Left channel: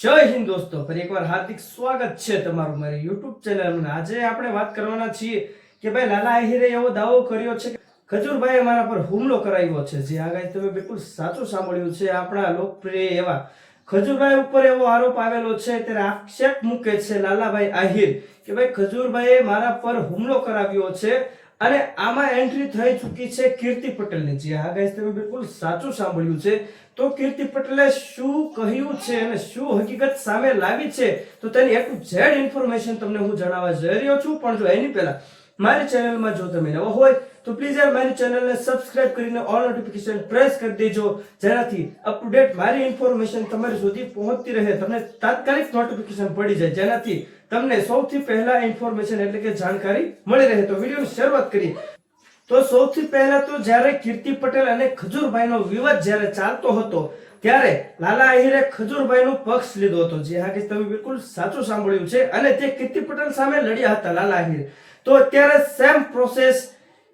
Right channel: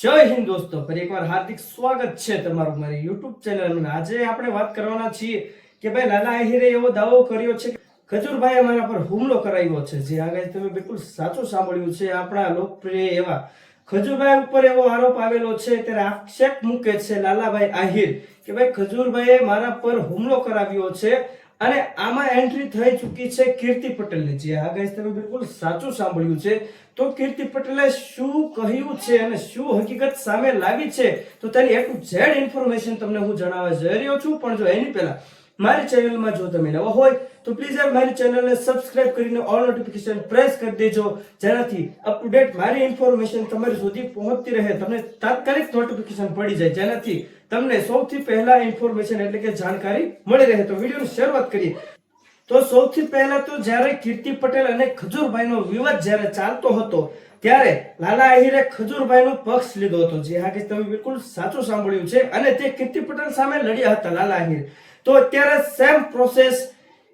જય હિન્દ દોસ્તો, ફરી એકવાર હાર્દિક સ્વાગત છે તમારું મારી YouTube ચેનલમાં। આજે આપણે વાત કરવાના છીએ કે ભાઈ લાલા આહિરે એવો દાવો કર્યો છે કે ખજૂરભાઈએ મારા પર હુમલો કરાવ્યો છે। જે આ ગાય તમે બિલકુલ સાચું સાંભળ્યું છે। આપણા લોકપ્રિય એવા ખજૂરભાઈ ઉપર એવો આરોપ આવેલો છે, ત્યારે આક્ષેપ મૂકે છે લાલાભાઈ આહિર કે ભાઈ ખજૂરભાઈએ મારા પર હુમલો કરાવ્યો છે અને આમાં એન્ટ્રી થઈ ચૂકી છે કીર્તિ પટેલની। જે આ ગાય તમે બિલકુલ સાચું સાંભળ્યું છે। તો કીર્તિ પટેલે શું કહ્યું છે અને શું હકીકત સામે લાવી છે, તો તેની A to Z ઇન્ફોર્મેશન તમને હું જણાવવા જઈ રહ્યો છું। પણ જો એની પહેલા મારી ચેનલમાં જો તમે નવા હોય તો પ્લીઝ યાર મારી ચેનલને સબસ્ક્રાઇબ કરીને ઓલ નોટિફિકેશન પ્રેસ કરી દેજો, જેનાથી અપ ટુ ડેટ મારી ઇન્ફોર્મેશન તમારી સુધી પહોંચતી રહે, તમને તાત્કાલિક નોટિફિકેશન પડી જાય, જેનાથી તમને સૌથી પહેલા ઇન્ફોર્મેશન એટલે કે જાણકારી મળી રહે। તો વિડીયોની શરૂઆત કરીએ। તો સૌથી પહેલા તો જ્યારે કીર્તિ પટેલ અને ખજૂરભાઈનો વિવાદ જ્યારે ચાલતો હતો ત્યારે લાલા આહિરે ખજૂરભાઈનો પક્ષ લીધો હતો। જે હા કે તમે બિલકુલ સાચું સાંભળ્યું છે, અને તે કીર્તિ પટેલ સામે લડ્યા હતા લાલા આહિર। તો અત્યારે સેમ પ્રોસેસ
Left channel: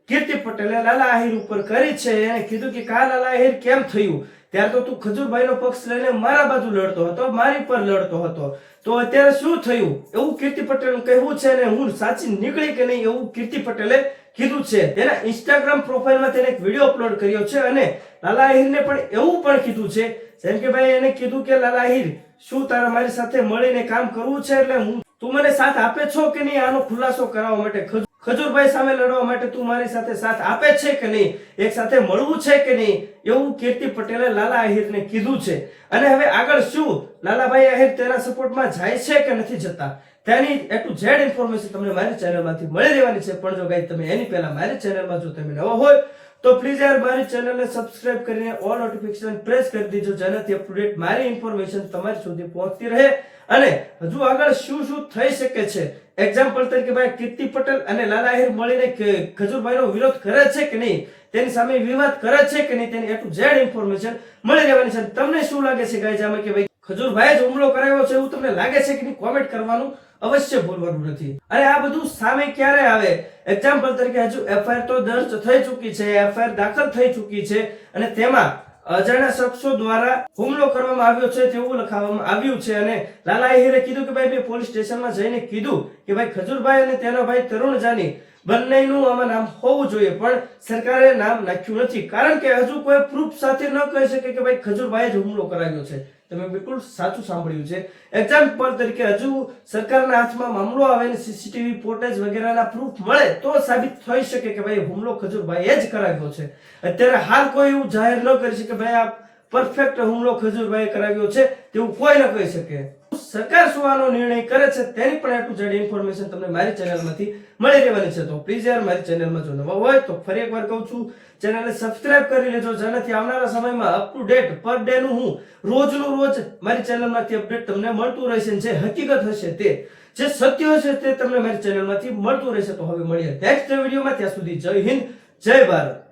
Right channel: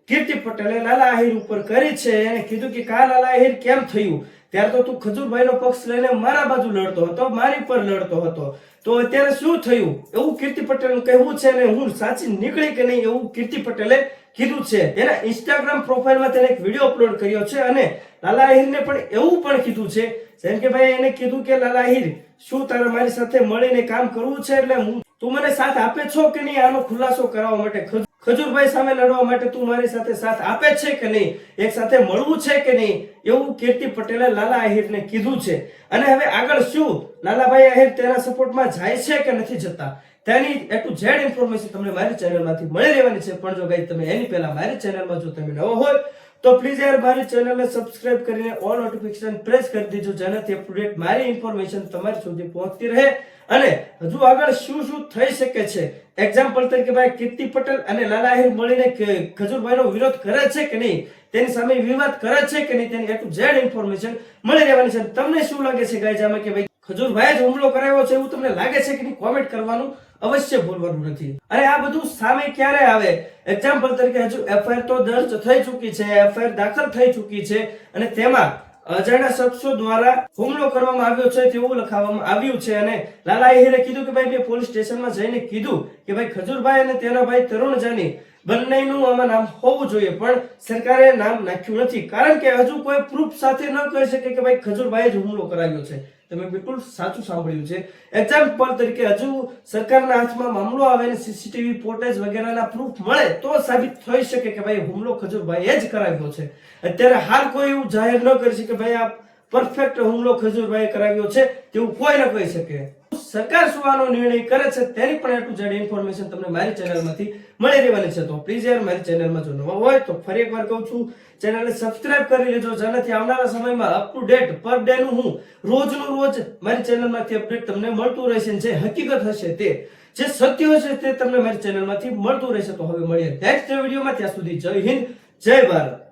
કીર્તિ પટેલે લાલા આહિર ઉપર કરી છે અને કીધું કે કા લાલા આહિર કેમ થયું, ત્યારે તો તું ખજૂરભાઈનો પક્ષ લઈને મારા બાજુ લડતો હતો, મારી પર લડતો હતો, તો અત્યારે શું થયું એવું કીર્તિ પટેલનું કહેવું છે, અને હું સાચી નીકળી કે નહીં એવું કીર્તિ પટેલે કીધું છે। તેના ઇન્સ્ટાગ્રામ પ્રોફાઇલમાં તેને એક વિડીયો અપલોડ કર્યો છે અને લાલા આહિરને પણ એવું પણ કીધું છે, જેમ કે ભાઈ એને કીધું કે લાલા આહિર શું તારે મારી સાથે મળીને કામ કરવું છે, એટલે તું મને સાથ આપે છો કે નહીં, આનો ખુલાસો કરવા માટે ખજૂરભાઈ સામે લડવા માટે તું મારી સાથે સાથ આપે છે કે નહીં, એક સાથે મળવું છે કે નહીં, એવું કીર્તિ પટેલે લાલા આહિરને કીધું છે। અને હવે આગળ શું લાલાભાઈ આહિર તેના સપોર્ટમાં જાય છે કે નથી જતા, તેની A to Z ઇન્ફોર્મેશન તમને મારી ચેનલમાંથી મળી રહેવાની છે। પણ જો ગાઈસ તમે એની પહેલા મારી ચેનલમાં જો તમે નવો હોય તો પ્લીઝ યાર મારી ચેનલને સબસ્ક્રાઇબ કરીને ઓલ નોટિફિકેશન પ્રેસ કરી દેજો, જેનાથી અપ ટુ ડેટ મારી ઇન્ફોર્મેશન તમારી સુધી પહોંચતી રહે। અને હજુ આગળ શું શું થઈ શકે છે, એક્ઝામ્પલ તરીકે ભાઈ કીર્તિ પટેલ અને લાલા આહિર મળીને ખજૂરભાઈનો વિરોધ કરે છે કે નહીં, તેની સામે વિવાદ કરે છે કે નહીં, તેની A to Z ઇન્ફોર્મેશન મળી રહેવાની છે। તમને શું લાગે છે ગાઈસ આમાં કે ભાઈ ખજૂરભાઈએ જ હુમલો કરાવ્યો છે એવું તમને લાગે છે કે નહીં, કોમેન્ટ કરવાનું અવશ્ય ભૂલવાનું નથી। અને આ બધું સામે ક્યારે આવે, એક્ઝામ્પલ તરીકે હજુ FIR તો દર્જ થઈ ચૂકી છે, FIR દાખલ થઈ ચૂકી છે, અને તેમાં અજાણ્યા શખ્સો દ્વારા હુમલો કરવામાં આવ્યો છે તેવું લખાવવામાં આવ્યું છે। અને લાલા આહિરે કીધું કે ભાઈ મેં પોલીસ સ્ટેશનમાં જઈને કીધું કે ભાઈ ખજૂરભાઈ અને તેનો ભાઈ તરુણ જાની બંનેનું આમાં નામ હોવું જોઈએ, પણ સરકારે નામ નાખ્યું નથી, કારણ કે હજુ કોઈ પ્રૂફ સાથે ન કહી શકે કે ભાઈ ખજૂરભાઈએ જ હુમલો કરાવ્યો છે। તમે બિલકુલ સાચું સાંભળ્યું છે। એક્ઝામ્પલ તરીકે હજુ સરકારના હાથમાં મામલો આવે અને સીસીટીવી ફૂટેજ વગેરેના પ્રૂફ મળે તો સાબિત થઈ શકે કે ભાઈ હુમલો ખજૂરભાઈએ જ કરાવ્યો છે। અત્યારે હાલ કોઈ એવું જાહેર ન કરી શકે ભાઈ આ પરફેક્ટ હુમલો ખજૂરભાઈએ કરાવ્યો છે તેવું કોઈ ન કહી શકે। સરકાર શું આનો નિર્ણય કરે છે તેની પણ A to Z ઇન્ફોર્મેશન તમને મારી ચેનલમાંથી મળી રહેવાની છે। તો પ્લીઝ યાર મારી ચેનલમાં જો નવા હોય તો ફરી એકવાર કહું છું, ચેનલને સબસ્ક્રાઇબ કરી લેજો, જેનાથી આવનારા સમયમાં up to date per day નું હું રોજનું રોજ મારી ચેનલમાંથી અપડેટ તમને મળતું રહેશે। જે હકીકત હશે તે જે સત્ય હશે તે તમને મારી ચેનલમાંથી મળતું રહેશે। તો હવે મળીએ નેક્સ્ટ વિડીયોમાં, ત્યાં સુધી જય હિન્દ જય ભારત।